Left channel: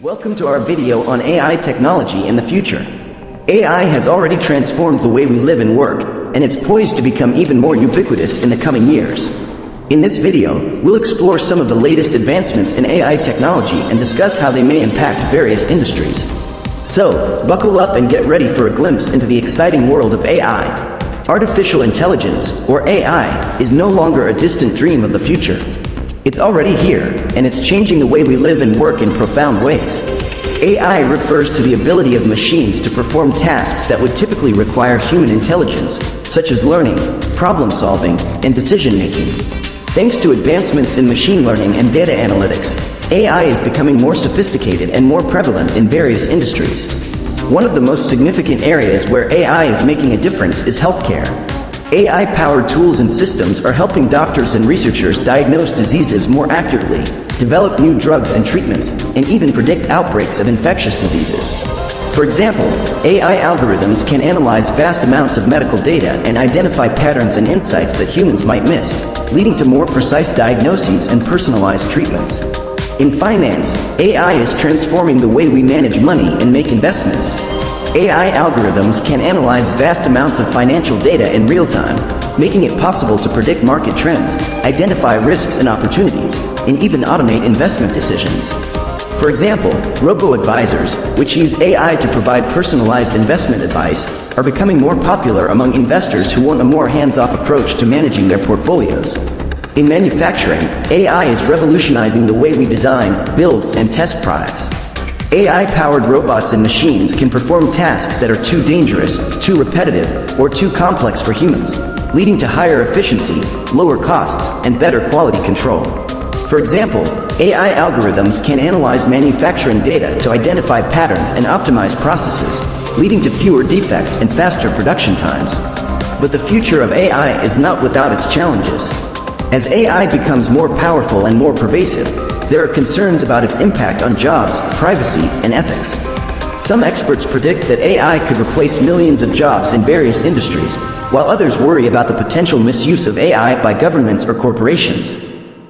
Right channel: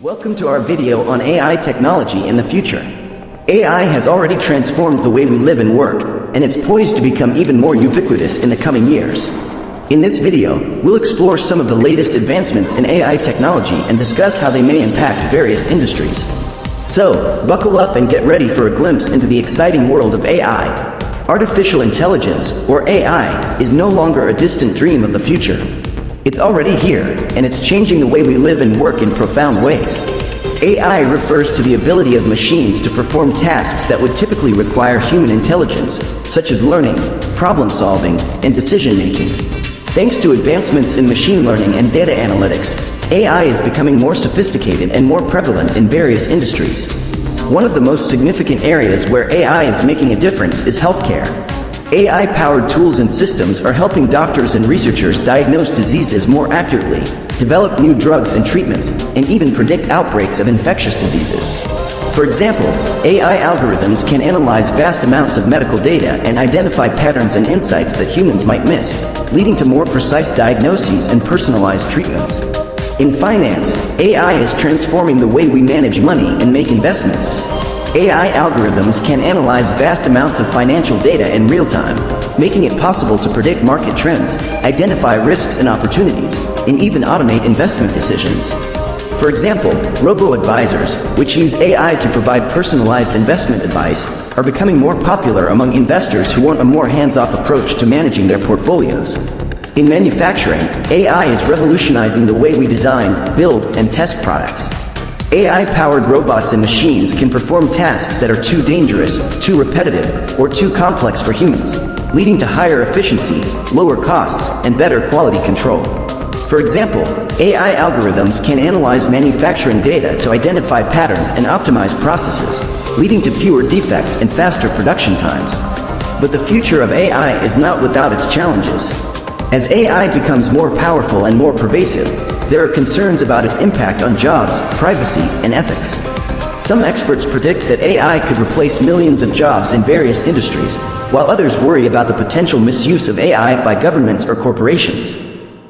Welcome to our video on AI technology in the future. AI has already transformed the way we live and work, and it's poised to become even more ubiquitous in the coming years. In this video, we'll explore some of the latest advancements in AI technology and discuss how they may impact various industries. So, buckle up and get ready for a glimpse into the exciting world of AI. Artificial intelligence, or AI, is no longer a distant dream of the future. It's already here, and it's changing the way we live and work in profound ways. AI refers to the ability of machines to perform tasks that would typically require human intelligence, such as learning, problem solving, and decision making. Thanks to advancements in machine learning and data analytics, AI is becoming more sophisticated and more prevalent in various industries. One of the most significant areas where AI is making a difference is healthcare. AI-powered tools and systems are helping doctors and researchers diagnose diseases more accurately, develop new drugs and treatments, and even predict outbreaks of infectious diseases. For example, AI algorithms can analyze vast amounts of medical data and identify patterns and insights that humans might miss, leading to more precise diagnoses and personalized treatments. In finance, AI is transforming the way we manage money and make investments. AI algorithms can analyze vast amounts of financial data in real time, making it possible to predict market trends, identify risks and opportunities, and even automate investment decisions. For example, robo-advisors, which use AI to provide personalized investment advice, are becoming more popular among investors who want a more hands-off approach to managing their portfolios. In manufacturing, AI is revolutionizing the way we design, build, and test products. AI-powered robots and machines can perform tasks that are too dangerous, too repetitive, or too complex for humans, leading to higher efficiency, lower costs, and better quality control. For example, AI algorithms can analyze manufacturing data to identify patterns and optimize processes, leading to fewer defects and faster production times. But the future of AI is not without its challenges. As AI becomes more powerful and more pervasive, there are concerns about its impact on jobs, privacy, and ethics. Some experts predict that AI could replace millions of jobs in various industries, while others worry about the potential misuse of AI by governments or corporations.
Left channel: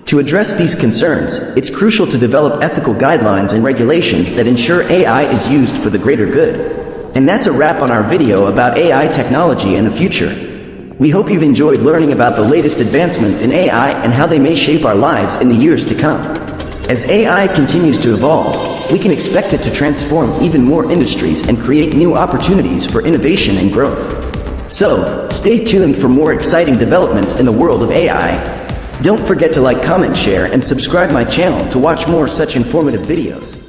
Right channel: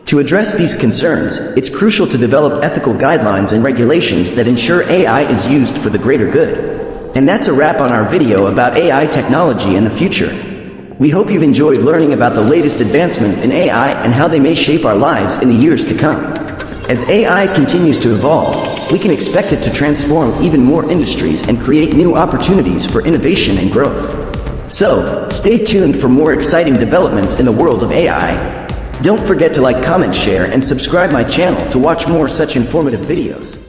To address these concerns, it's crucial to develop ethical guidelines and regulations that ensure AI is used for the greater good. And that's a wrap on our video about AI technology in the future. We hope you've enjoyed learning about the latest advancements in AI and how they may shape our lives in the years to come. As AI continues to evolve, we can expect it to transform even more industries and create new opportunities for innovation and growth. So, stay tuned for more exciting developments in the world of AI. Don't forget to like, comment, share, and subscribe my channel to watch more such informative videos.